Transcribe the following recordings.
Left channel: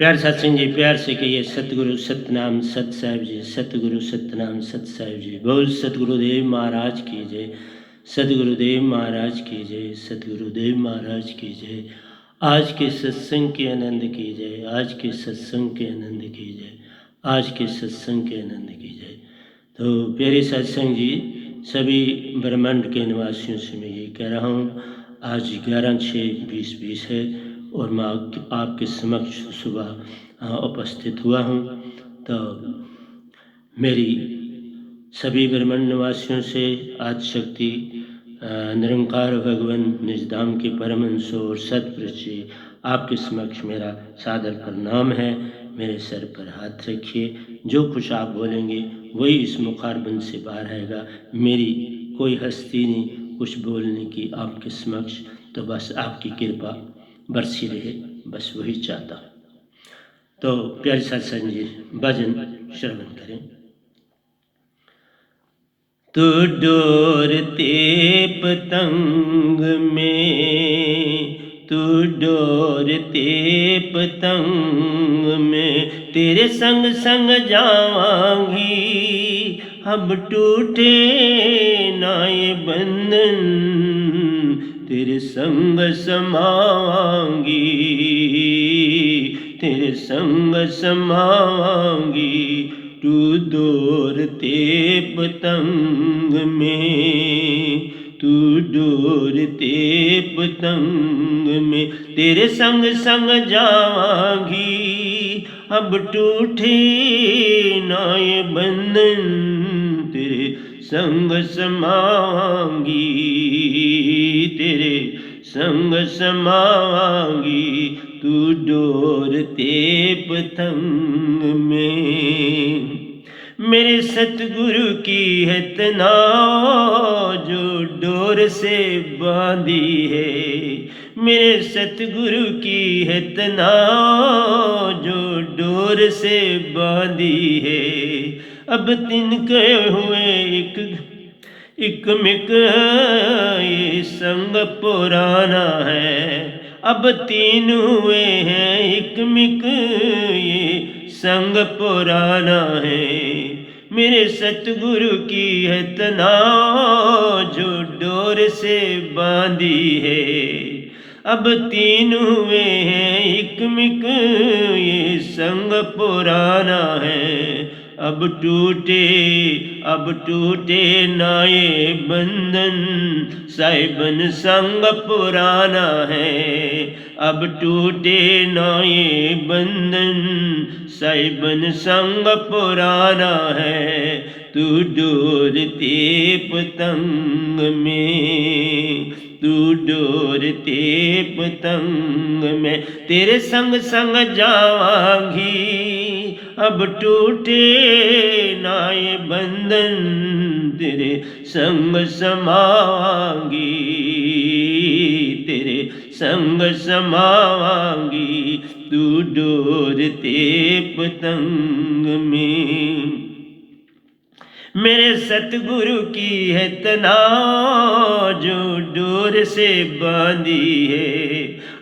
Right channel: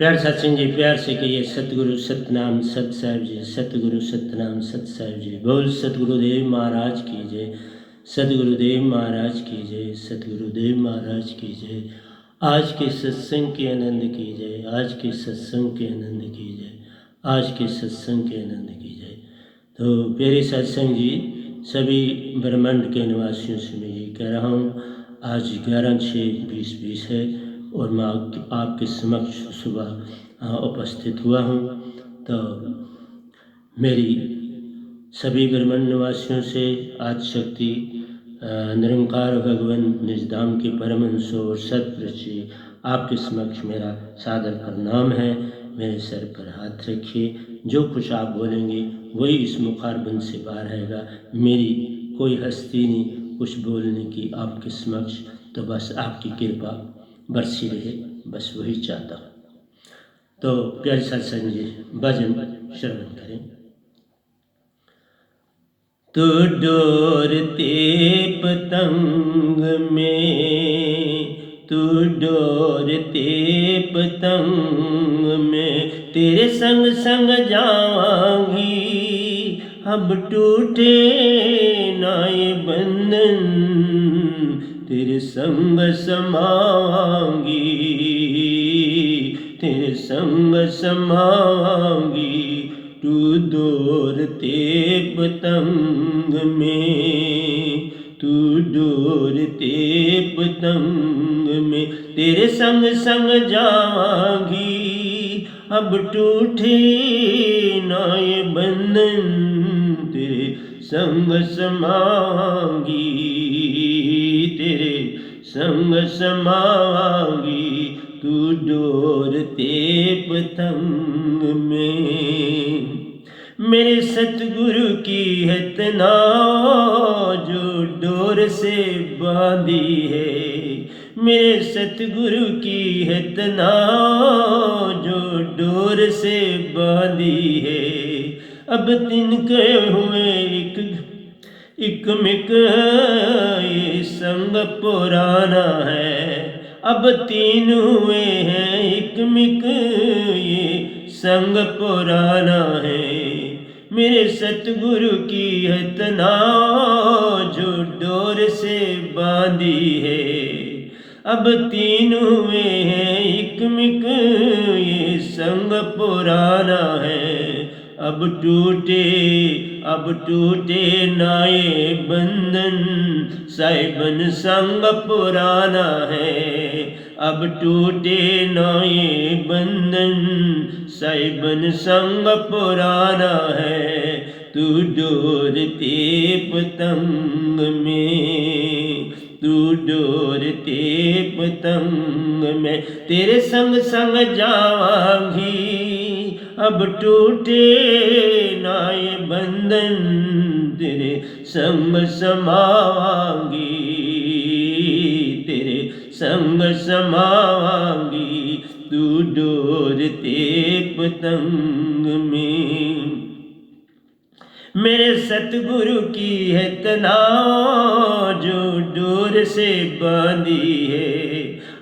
प्यार सत्संग जी, प्यार से कहिए सतगुरु सतनाम सत साहिब जी, सतगुरु सतनाम सत साहिब जी। बोल सतगुरुदेव महाराज की जय, सतगुरुदेव महाराज की जय, सतगुरुदेव महाराज की जय। आज के सत्संग के आनंद की जय, आज के सत्संग के आनंद की जय, आज के सत्संग के आनंद की जय। तो प्यारे सत्संग जी, सभी ब्रह्मांड के निवासियों से मैं ये कह रहा हूँ, आज 11/6/2020 है और मैं आपके समक्ष सुबह उपस्थित हुआ हूँ। तो मेरी सभी ब्रह्मांड निवासियों से आज शक्ति निरंकार भगवान निजधाम के परमहंस और सतपुरुष जी आपके समक्ष मेरा सादर प्रणाम है। मेरे सर पर हाथ रखिए, जो कुछ आप बोलेंगे वही इस मुखारबंद से बाहर आएगा। मेरी कोई हस्ती नहीं कुछ बोलने की आपके समक्ष, तो बस आपकी कृपा बरसी रहे, बस वही चाहता। तो प्यारे सत्संग जी, भजन श्रवण करें। तू डोरते पतंग में, तू डोरते पतंग में, तेरे संग संग जावांगी, अब टूटे नाए बंधन, तेरे संग समावांगी, तेरे संग समावांगी। तू डोरते पतंग में, तू डोरते पतंग में, तेरे संग संग जावांगी, अब टूटे नाए बंधन, तेरे संग समावांगी, तेरे संग समावांगी। तू डोरते पतंग में, मेरे सतगुरु की है तनाव जो डोर से बांधी है, मेरे सतगुरु की है तनाव जो डोर से बांधी है। अब तिनके हुए एक मिक ये संग पुराना है, अब तीन हुए हैं एक मिक ये संग पुराना है। मेरे सतगुरु की है तनाव जो डोर से बांधी है, अब तीन हुए हैं एक मिक ये संग पुराना है। अब टूटे नाए बंधन, साहिबन संग पुराना है। अब टूटे नाए बंधन, साहिबन संग पुराना है। तू डोरते पतंग में, तू डोरते पतंग में, तेरे संग संग जावांगी, अब टूटे नाए बंधन, तेरे संग समावांगी, तेरे संग समावांगी। तू डोरते पतंग में, मेरे सतगुरु की है तनाव जो डोर से बांधी है,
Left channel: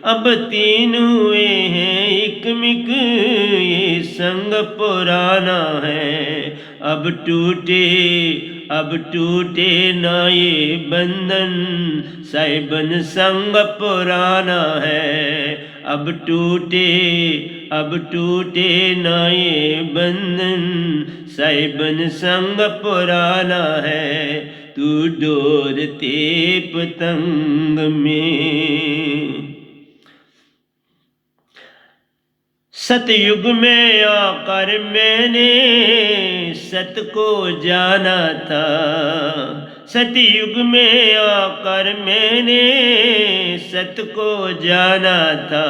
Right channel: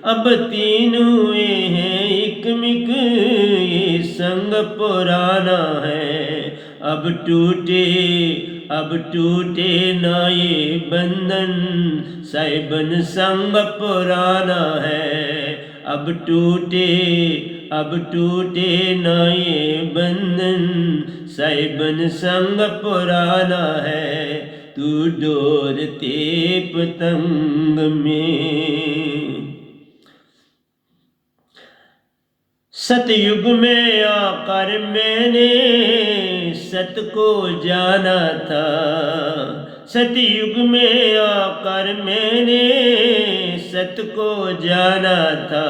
अब तीन हुए हैं एक मिक ये संग पुराना है। अब टूटे नाए बंधन, साहिबन संग पुराना है। अब टूटे नाए बंधन, साहिबन संग पुराना है। तू डोरते पतंग में, सतयुग में आकर मैंने सत को जाना था, सतयुग में आकर मैंने सत को जाना था।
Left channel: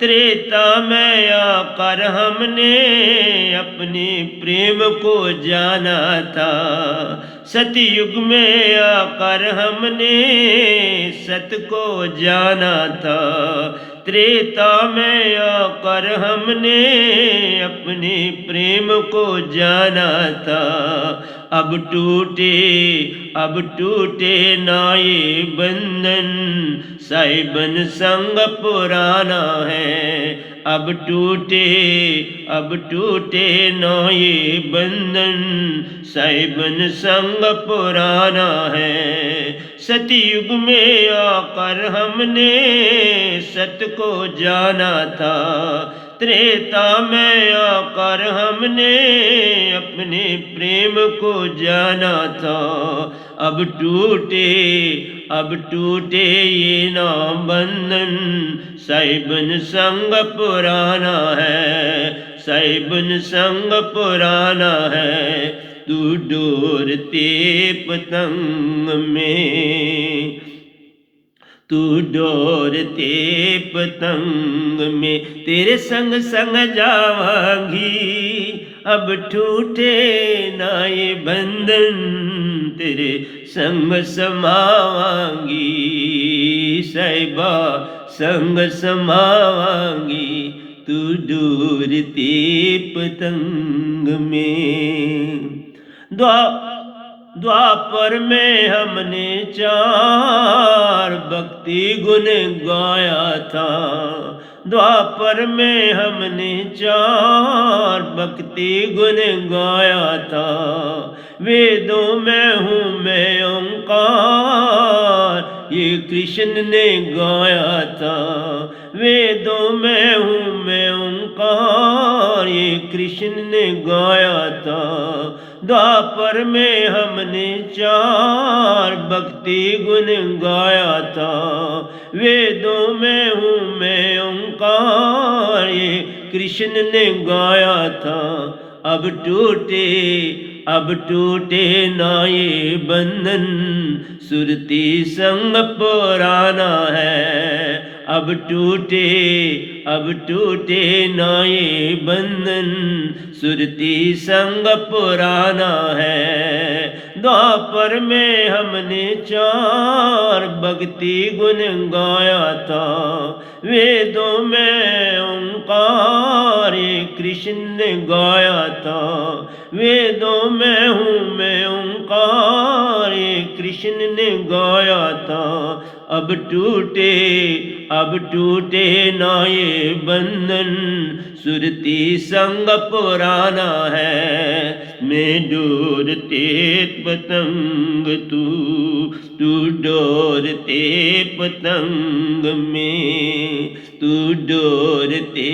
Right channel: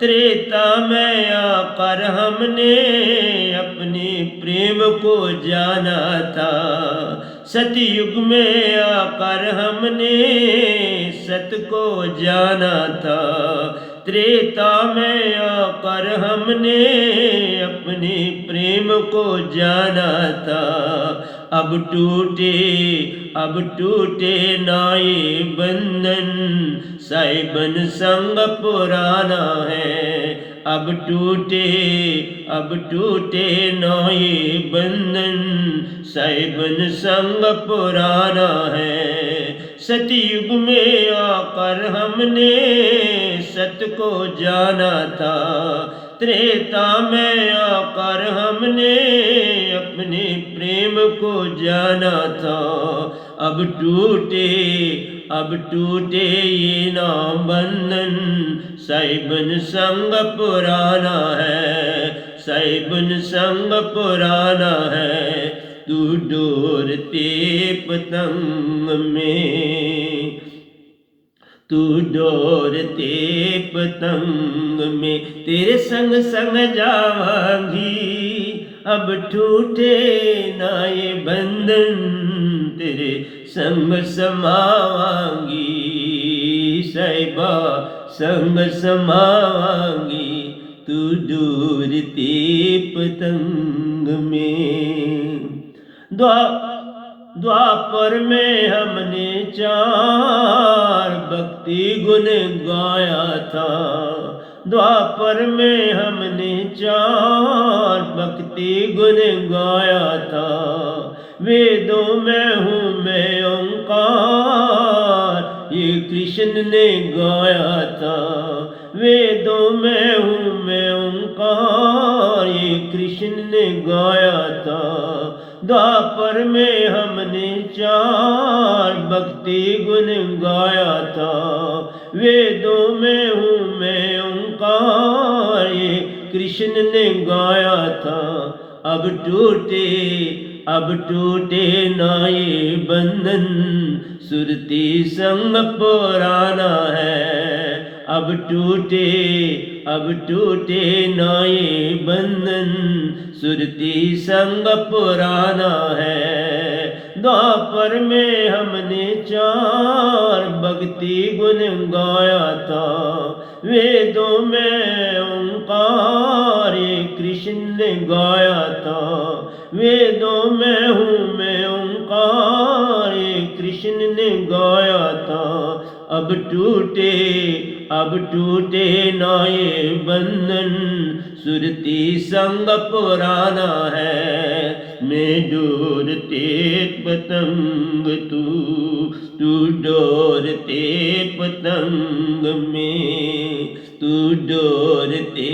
त्रेता में आकर हमने अपने प्रेम को जाना था, सतयुग में आकर हमने सत को जाना था। त्रेता में आकर हमने अपने प्रेम को जाना था। अब अब टूटे ना ये बंधन, साहिबन संग पुराना है। अब टूटे ना ये बंधन, साहिबन संग पुराना है। सतयुग में आकर हमने सत को जाना था, त्रेता में आकर हमने अपने प्रेम को जाना था। अब टूटे ये ना बंधन, साहिबन संग पुराना है, साहिबन संग पुराना है। तू डोरते पतंग में, तू डोरते पतंग में, तेरे संग संग जावांगी। अब टूटे ना ये बंधन, तेरे संग समावांगी। साहिबा संग समावांगी, तू डोरते पतंग में। द्वापर में हमने चार भक्ति गुण गाया था, द्वापर में हमने चार भक्ति गुण गाया था। वेदों में हूँ मैं ओंकार, ये कृष्ण ने गाया था। वेदों में हूँ मैं ओंकार, ये कृष्ण ने गाया था। द्वापर में हमने चार भक्ति गुण गाया था। वेदों में हूँ मैं ओंकार, ये कृष्ण ने गाया था। अब टूटे ना ये बंधन, सुरती संग पुराना है। अब टूटे ना ये बंधन, सुरती संग पुराना है। द्वापर में हमने चार भक्ति गुण गाया था। वेदों में ओंकार, ये कृष्ण ने गाया था। वेदों में हूँ मैं ओंकार, ये कृष्ण ने गाया था। अब टूटे ना ये बंधन, सुरती संग पुराना है। मैं डोरते पतंग, तू डोरते पतंग में, तू डोरते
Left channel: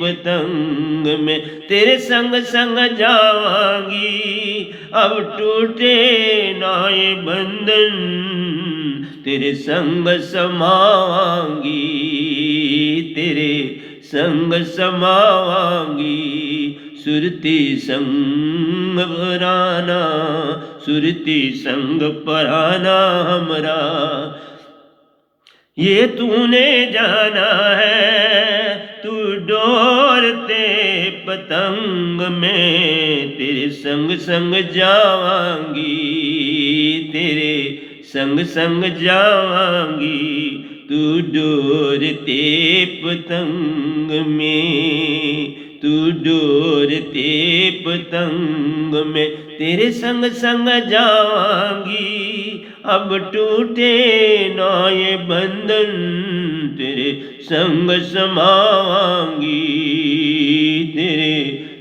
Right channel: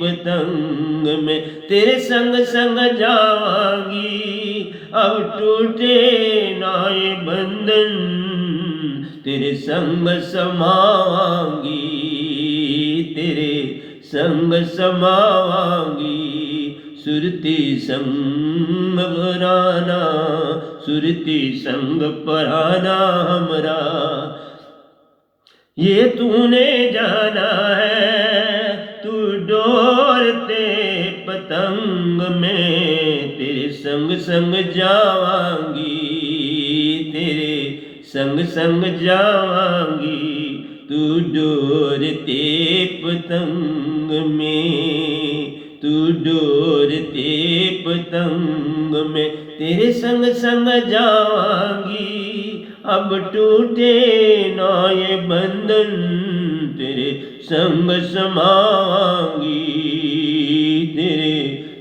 पतंग में, तेरे संग संग जावांगी। अब टूटे ना ये बंधन, तेरे संग समावांगी, तेरे संग समावांगी। सुरती संग पराना, सुरती संग पराना हमरा, ये तूने जाना है। तू डोरते पतंग में, तेरे संग संग जावांगी, तेरे संग संग जावांगी। तू डोरते पतंग में, तू डोरते पतंग में, तेरे संग संग जावांगी। अब टूटे ना ये बंधन, तेरे संग समावांगी, तेरे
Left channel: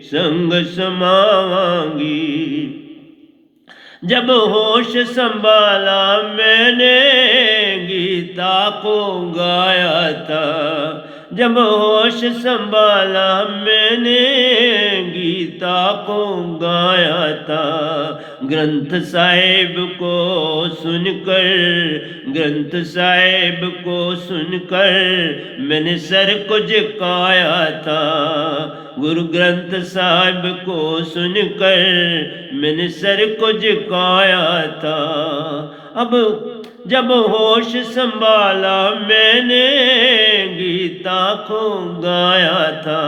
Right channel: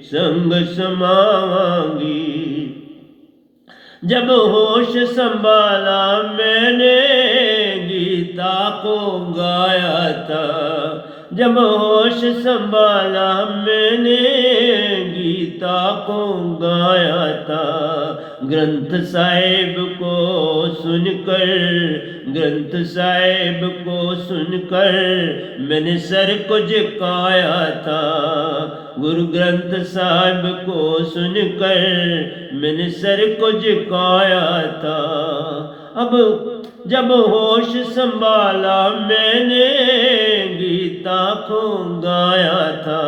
संग समावांगी। जब होश संभाला मैंने गीता को गाया था, जब होश संभाला मैंने गीता को गाया था। ग्रंथ साहिब को सुनकर, ग्रंथ साहिब को सुनकर मैंने सर को झुकाया था। गुरु ग्रंथ साहिब को सुनकर मैंने सर को झुकाया था। अब जब होश संभाला मैंने गीता को गाया था।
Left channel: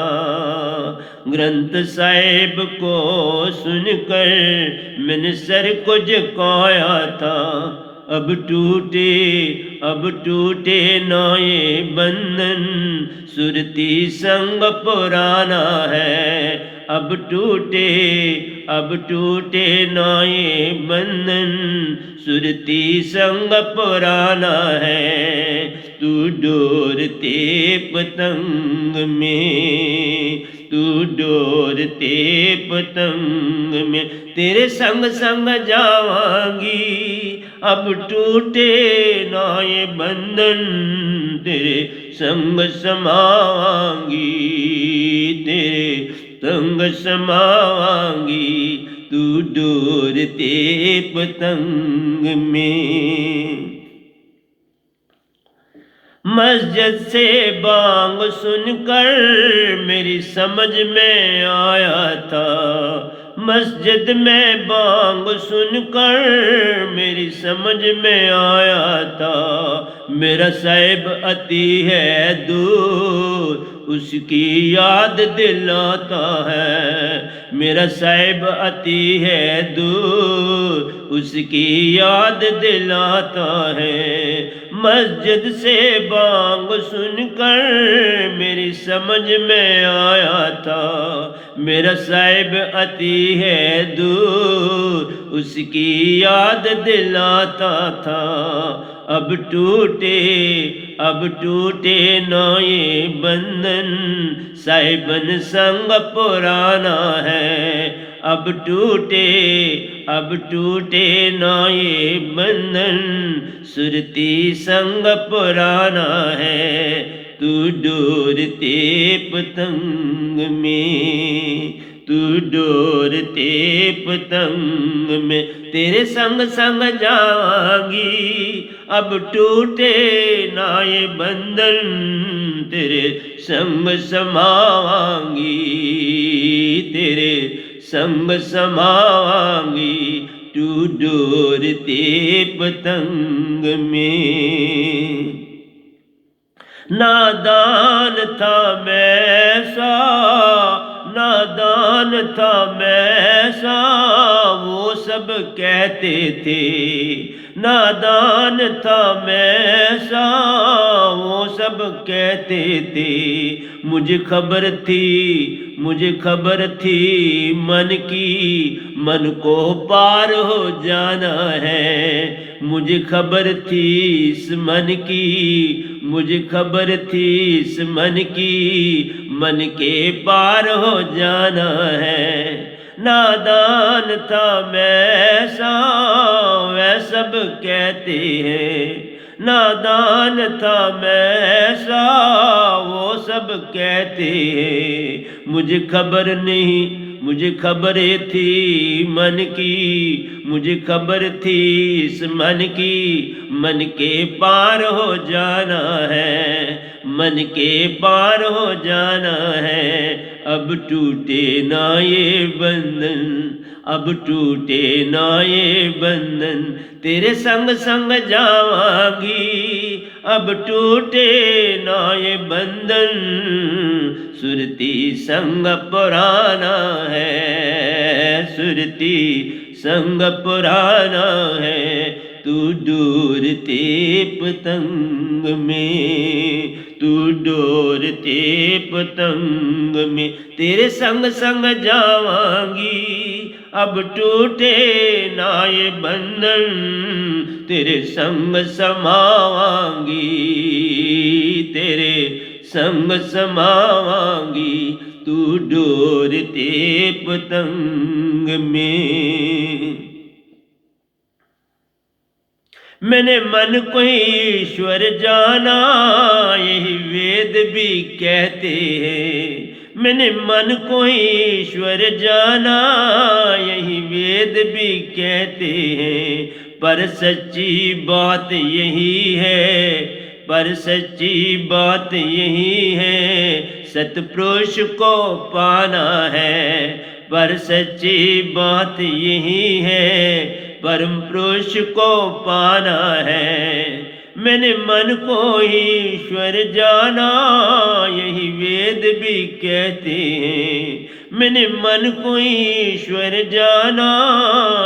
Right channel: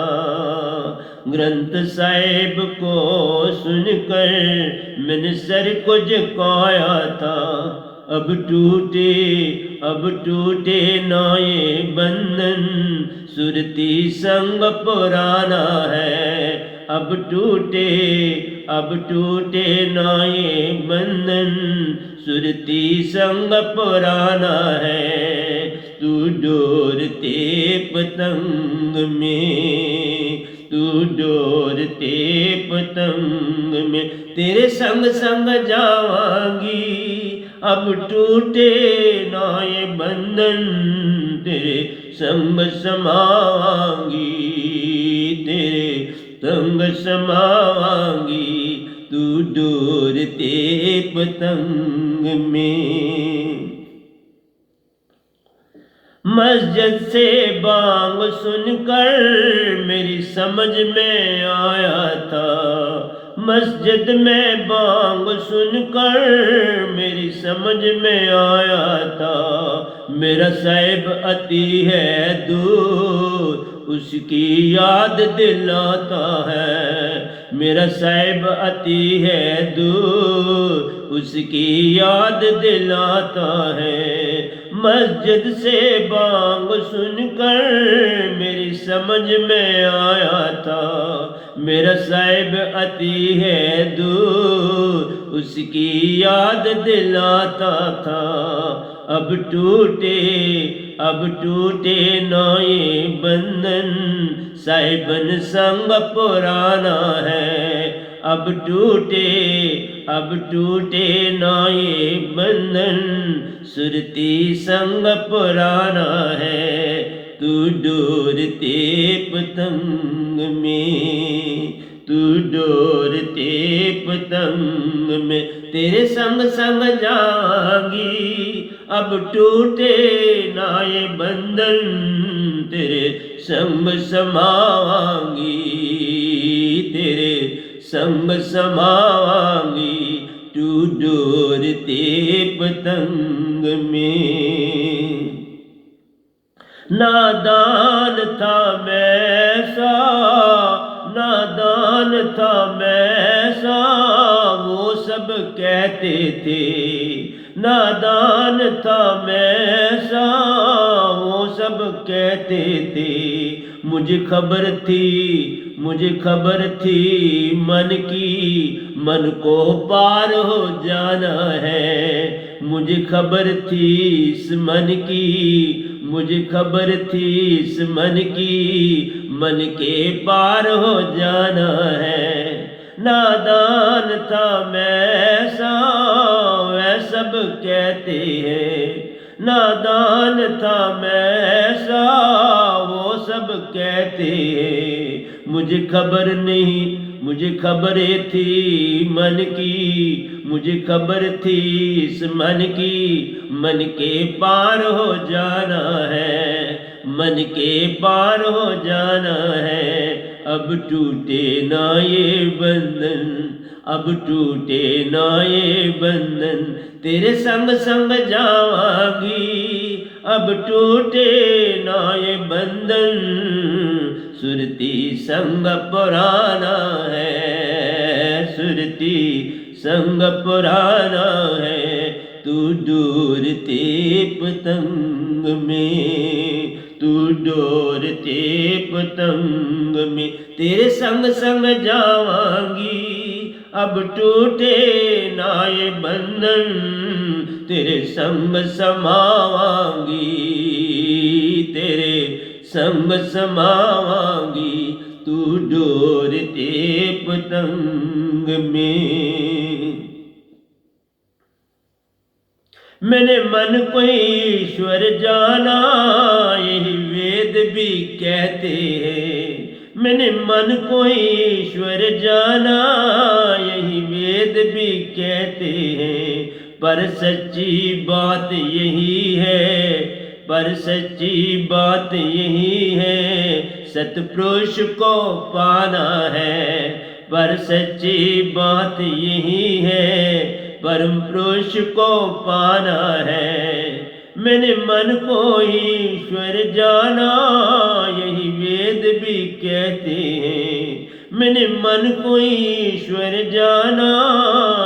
ग्रंथ साहिब को सुनकर मैंने सर को झुकाया था। अब टूटे ना ये बंधन, सुरती संग पुराना है। अब अब टूटे ना ये बंधन, सुरती संग पुराना है। तू डोरते पतंग में, तू डोरते पतंग में, तेरे संग संग जावांगी। अब टूटे ना ये बंधन, तेरे संग समावांगी, तेरे संग समावांगी। तू डोरते पतंग में। मस्जिद से बांग सुनकर मेरी समझ में आया था, मस्जिद में बांग सुनकर मेरी समझ में आया था। मेरा साहिब अति है दूर, उसकी याद दिलाता है। मेरा साहिब अति है दूर, उसकी याद दिलाता है। मस्जिद से बांग सुनकर मेरी समझ में आया था, मेरा साहिब अति है दूर, उसकी याद दिलाता था। अब टूटे ना ये बंधन, साहिबन संग पुराना है। अब टूटे ना ये बंधन, सुरती संग पुराना है। तू डोरते पतंग में, तू डोरते पतंग में, तेरे संग संग जावांगी। अब टूटे ना ये बंधन, तेरे संग समावांगी, तेरे संग समावांगी। तू डोरते पतंग में। नादान था मैं सा, नादान था मैं सा, वो सब कहते थे। नादान था मैं सा, वो सब कहते थे। मुझे खबर थी मन की, मन को पार हो जाना है। मुझे खबर थी इस मन की, मुझे खबर थी इस मन की, मन के पार हो जाना है। नादान था मैं ऐसा, वह सब कहते हैं। नादान था मैं ऐसा, वो सब कहते हैं। मुझे खबर नहीं, मुझे खबरें थी मन की, मुझे खबर थी इस मन की, मन के पार हो जाना है, मन के पार हो जाना है। अब टूटे ना ये बंधन, अब टूटे ना ये बंधन, तेरे संग संग जावांगी। अब टूटे ना ये बंधन, सुरती संग पुराना है, सुरती संग पुराना है। तू डोरते पतंग में, तू डोरते पतंग में, तेरे संग संग जावांगी। अब टूटे ना ये बंधन, तेरे संग समावांगी, तेरे संग समावांगी। तू डोरते पतंग में। मैंने मन को ईश्वर जाना, यही वेद भी कहते हैं। मैंने मन को ईश्वर जाना, यही वेद भी कहते हैं। पर सच्ची बात यही है, पर सच्ची बात यही है, सतपुरुष को पाना है। पर सच्ची बात यही है, परम पुरुष को पाना है। मैंने मन को ईश्वर जाना, यही वेद भी कहते हैं। मैंने मन को ईश्वर जाना,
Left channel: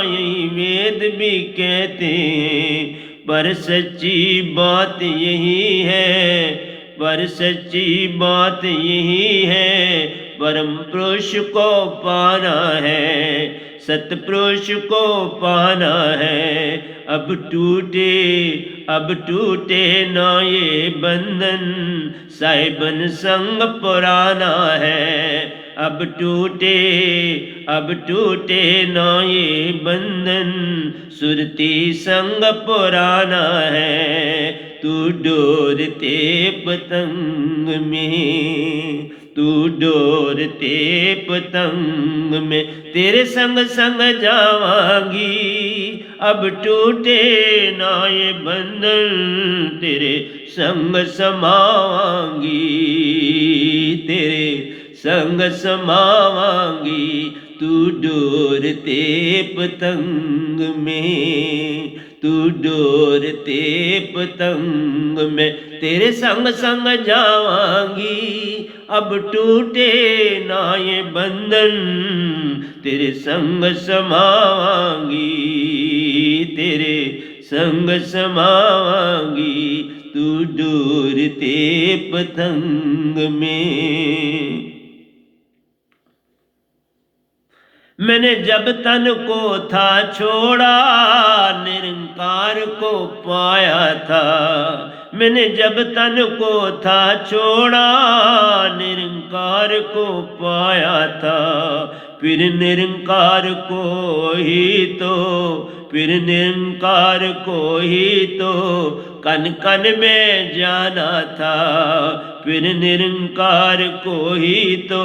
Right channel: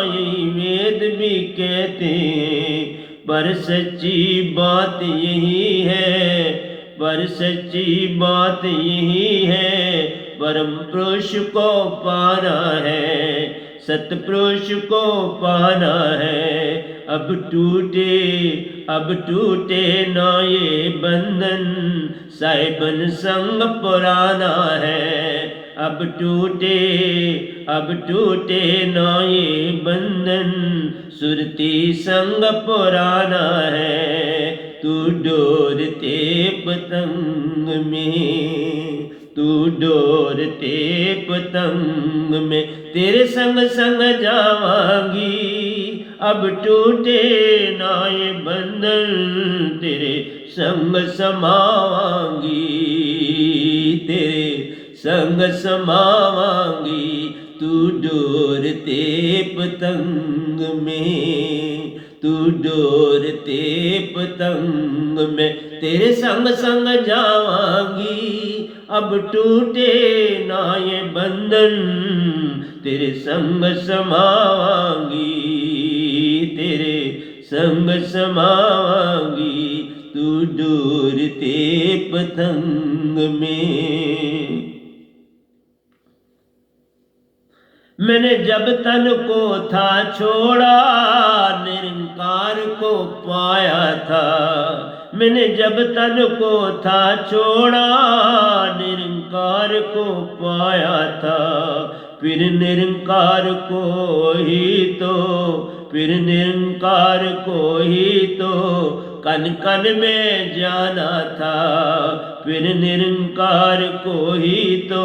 यही वेद भी कहते हैं। पर सच्ची बात यही है, पर सच्ची बात यही है, परम पुरुष को पाना है। सतपुरुष को पाना है। अब टूटे ना ये बंधन, साहिबन संग पुराना है। अब टूटे ना ये बंधन, सुरती संग पुराना है। तू डोरते पतंग में, तू डोरते पतंग में, तेरे संग संग जावांगी। अब टूटे ना ये बंधन, तेरे संग समावांगी, तेरे संग समावांगी। तू डोरते पतंग में, तू डोरते पतंग में, तेरे संग संग जावांगी। अब टूटे ना ये बंधन, तेरे संग समावांगी, तेरे संग समावांगी। तू डोरते पतंग में। मैंने जब तन को था छोड़ा, निरंकार को पाया था। मैंने जब तन को था छोड़ा, निरंकार को पाया था। फिर निरंकार को ही तो, फिर निरंकार को ही तो कन कन में जाना था। फिर निरंकार को ही तो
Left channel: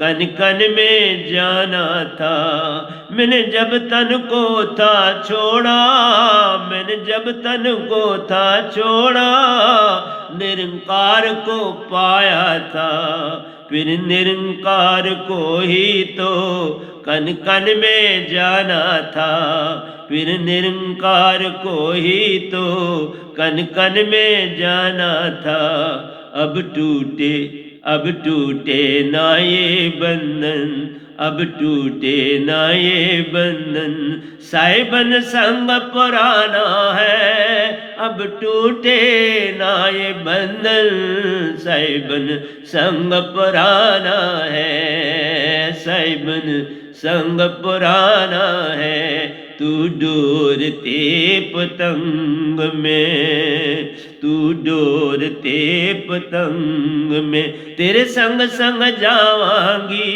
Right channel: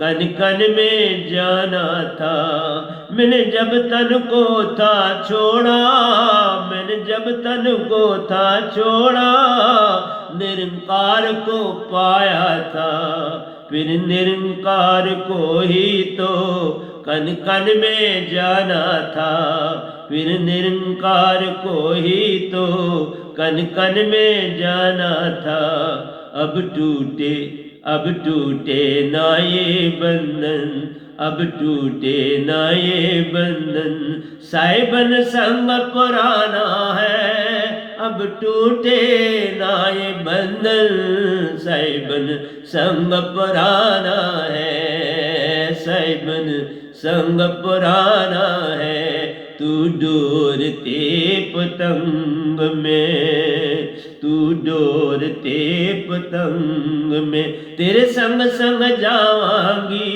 कन कन में जाना था। मैंने जब तन को था छोड़ा, मैंने जब तन को था छोड़ा, निरंकार को पाया था। फिर निरंकार को ही तो कन कन में जाना था। फिर निरंकार को ही तो कन कन में जाना था। अब टूटे ना ये बंधन, अब टूटे ना ये बंधन, साहिबन संग पुराना है। अब टूटे ना ये बंधन, साहिबन संग पुराना है, साहिबन संग पुराना है। तू डोरते पतंग में, तू डोरते पतंग में, तेरे संग संग जावांगी।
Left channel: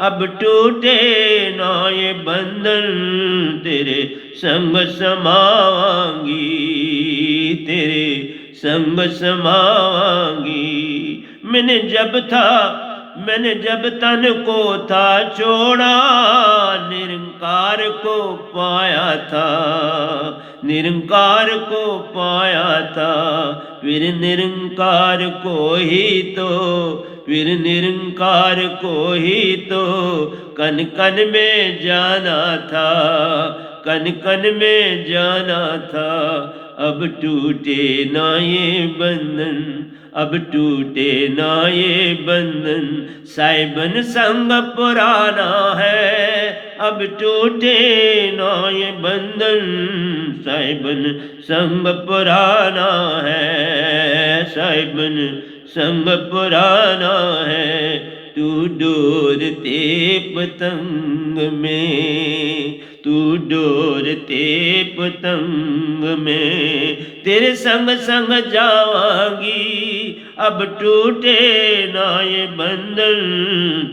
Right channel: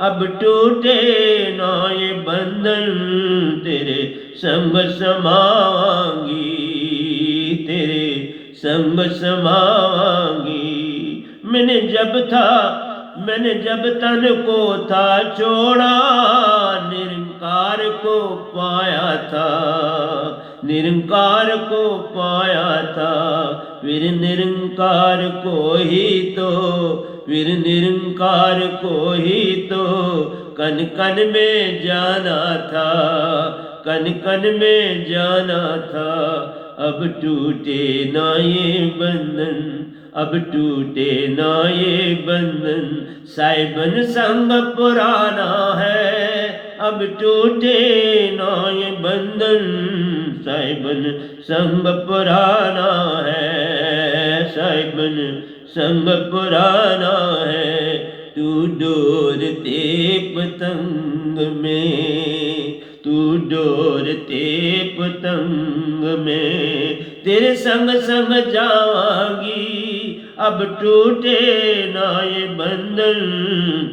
अब टूटे ना ये बंधन, तेरे संग समावांगी, तेरे संग समावांगी। मैंने जब तन को था छोड़ा, निरंकार को पाया था, निरंकार को पाया था। फिर निरंकार को ही तो, फिर निरंकार को ही तो कन कन में जाना था, कन कन में जाना था। अब टूटे ना ये बंधन, अब टूटे ना ये बंधन, साहिबन संग पुराना है। अब टूटे ना ये बंधन, साहिबन संग पुराना है, साहिबन संग पुराना है। तू डोरते पतंग में, तू डोरते पतंग में, तेरे संग संग जावांगी। अब टूटे ना ये बंधन,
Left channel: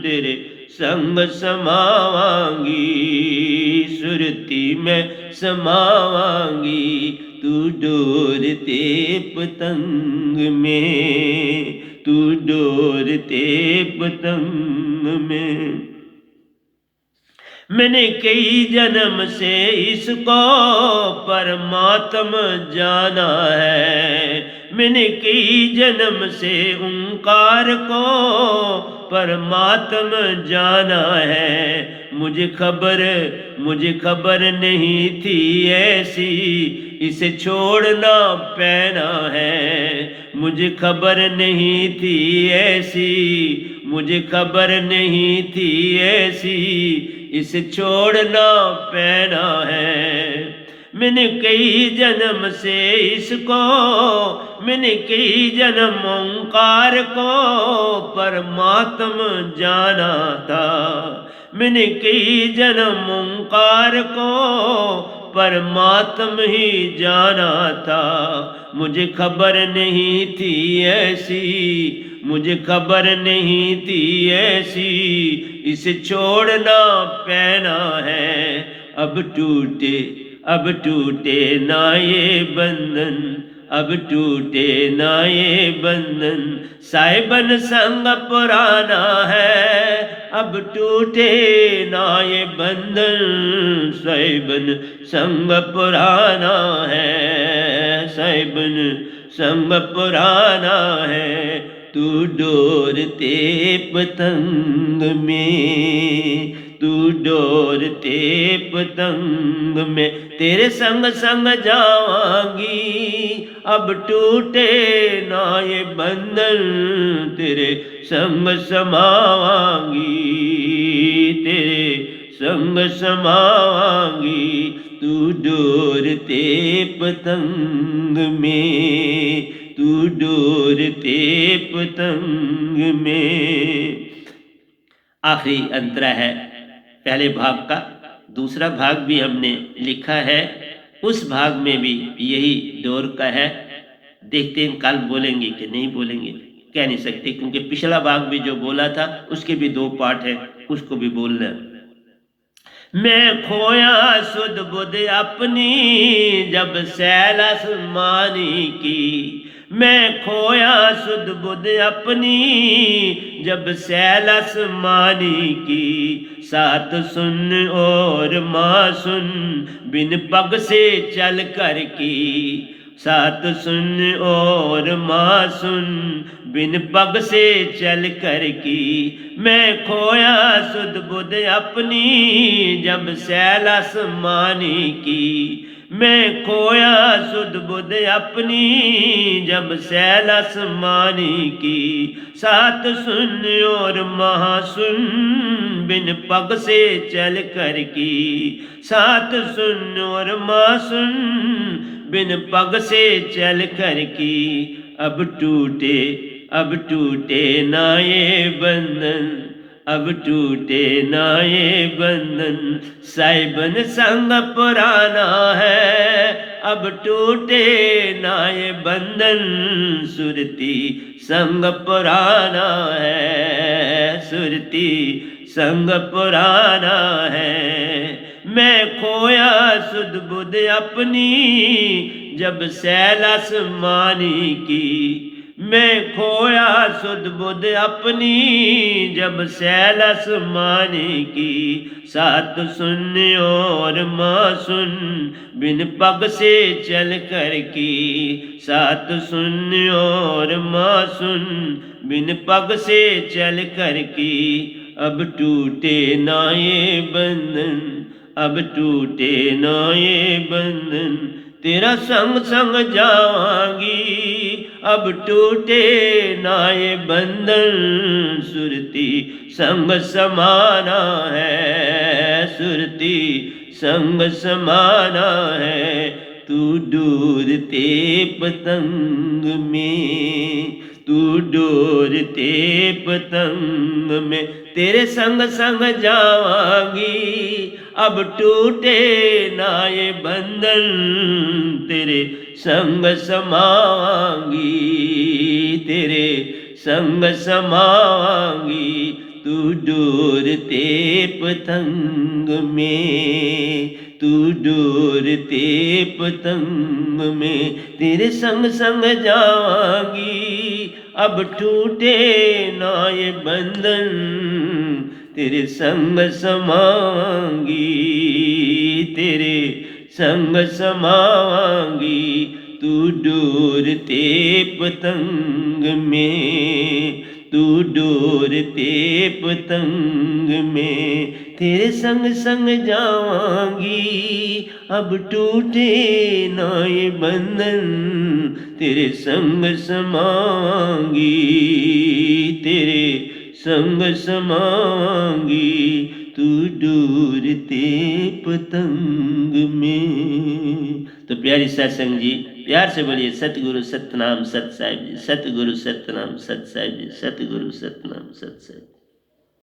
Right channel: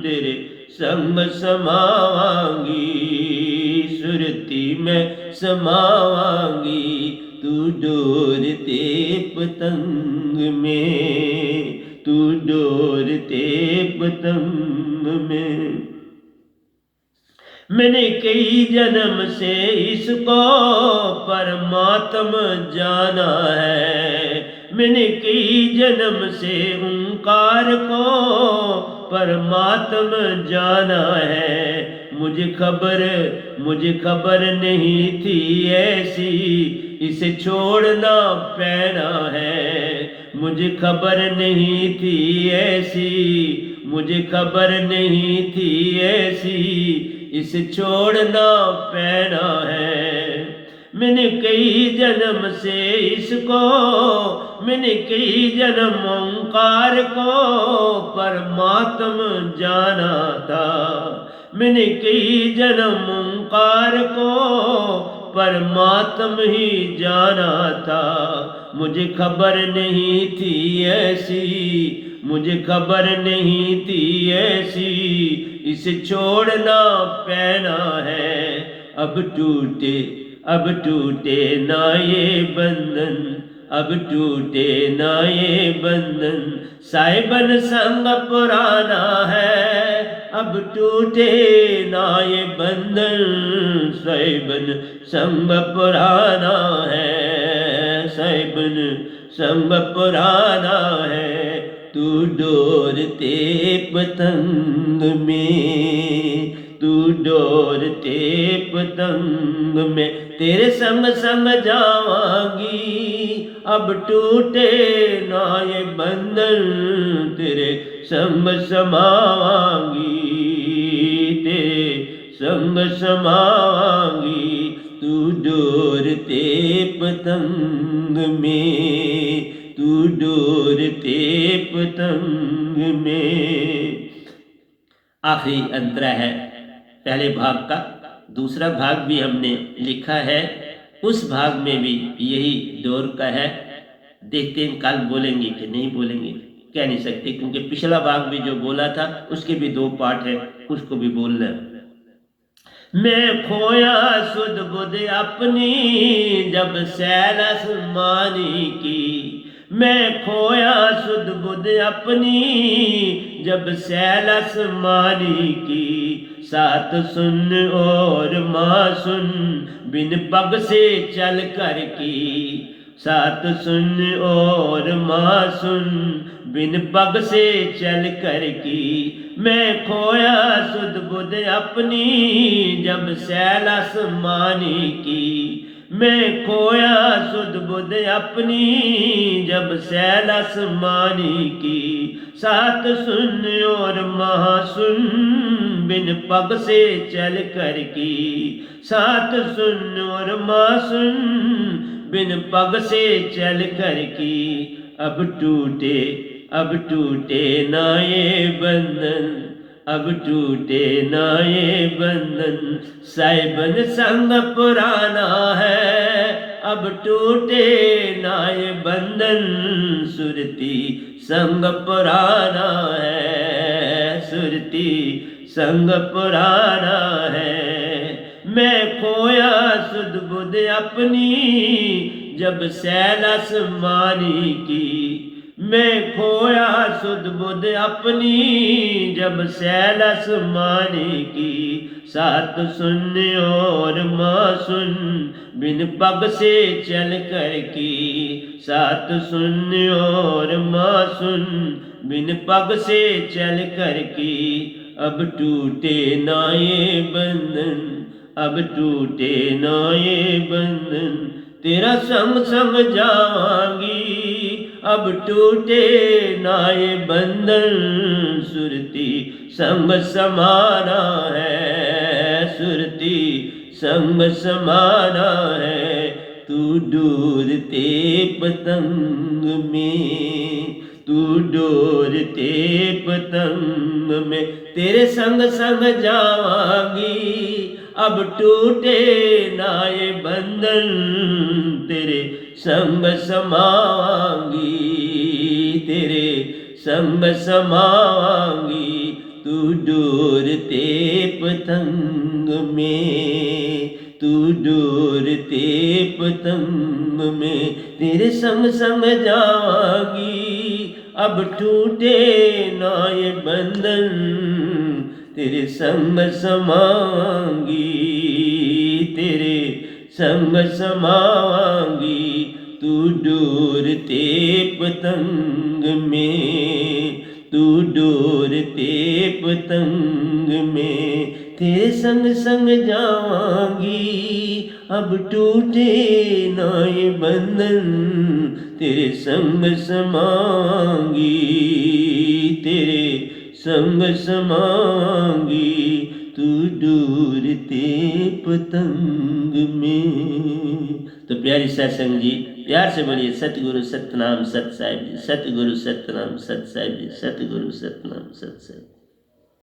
तेरे संग समावांगी, सुरती में समावांगी। तू डोरते पतंग में, तू डोरते पतंग में। मैंने कई जन्म से इसको परमात्मा जाना है। मैंने कई जन्म से ओंकार को परमात्मा जाना है। मुझे खबर नहीं थी ऐसी, इसे छोड़ना पैना है। मुझे खबर नहीं थी ऐसी, मुझे खबर नहीं थी ऐसी, इसे छोड़ना पैना है। मैंने कई जन्म से इसको, मैंने कई जन्म ओंकार को परमात्मा जाना था। मैंने कई जन्म ओंकार को परमात्म ही जाना था, मुझे खबर नहीं थी ऐसी, मुझे खबर नहीं थी ऐसी, इसे छोड़ना पैना है। अब टूटे ना ये बंधन, अब टूटे ना ये बंधन, साहिबन संग पुराना है। अब टूटे ना ये बंधन, साहिबन संग पुराना है, साहिबन संग पुराना है। तू डोरते पतंग में, तू डोरते पतंग में, तेरे संग संग जावांगी। अब टूटे ना ये बंधन, तेरे संग समावांगी, तेरे संग समावांगी। तू डोरते पतंग में, तू डोरते पतंग में। आखिरी अंतरा है पहले भाग का। दूसरा भाग भी हमने लिखा है, उस भाग में भी यही डोर का है। देखते हैं कल बोलेंगे कि नहीं बोलेंगे, कह नहीं सकते, क्योंकि पिछला भाग भी जो बोला था उसके भी 2 पार्ट है, उसको भी बोलना है। मैं खोया सुध बुध अपनी, जब सैल आसमानी की, मैं खोया सुध बुध अपनी, जब सैल आसमानी की। सात सुन और माँ सुन, बिन पग से चल कर की, सात सुन और माँ सुन, बिन पग से चल कर की। मैं खोया सुध बुध अपनी, जब सैल आसमानी की, मैं खोया सुध बुध अपनी, जब सैल आसमानी की। सात सुन और महा सुन, बिन पग से चल कर की, सात सुन और महा सुन, बिन पग से चल कर की। अब टूटे ना ये बंधन, अब टूटे ना ये बंधन, साहिबन संग पुराना है। अब टूटे ना ये बंधन, सुरती संग पुराना है, सुरती संग पुराना है। मैं खोया सुध बुध अपनी, जब सैल आसमानी की, मैं खोया सुध बुध अपनी, जब सैल आसमानी की। सात सुन और माँ सुन, बिन पग से चल कर की, सात सुन और माँ सुन, बिन पग से चल कर की। अब टूटे ना ये बंधन, अब टूटे ना ये बंधन, तेरा संग संग जावांगी। अब टूटे ना ये बंधन, सुरती संग समाना है, सुरती संग समाना है। तू डोरते पतंग में, तू डोरते पतंग में, तेरे संग संग जावांगी। अब टूटे ना ये बंधन, तेरे संग समावांगी, तेरे संग समावांगी। तू डोरते पतंग में, तू डोरते पतंग में, तेरे संग संग जावांगी। अब टूटे ना ये बंधन, तेरे संग समावांगी, तेरे संग समावांगी। तू डोरते पतंग में, तू डोरते पतंग में, तेरे संग संग जावांगी। अब टूटे ना ये बंधन, तेरे संग समावांगी, तेरे संग समावांगी। तू डोरते पतंग में। तो प्यारी सत्संग जी, प्यार से बोलिए सतगुरु सतनाम सत साहिब जी, सतगुरु सतनाम सत साहिब जी, सतगुरु सतनाम सत साहिब।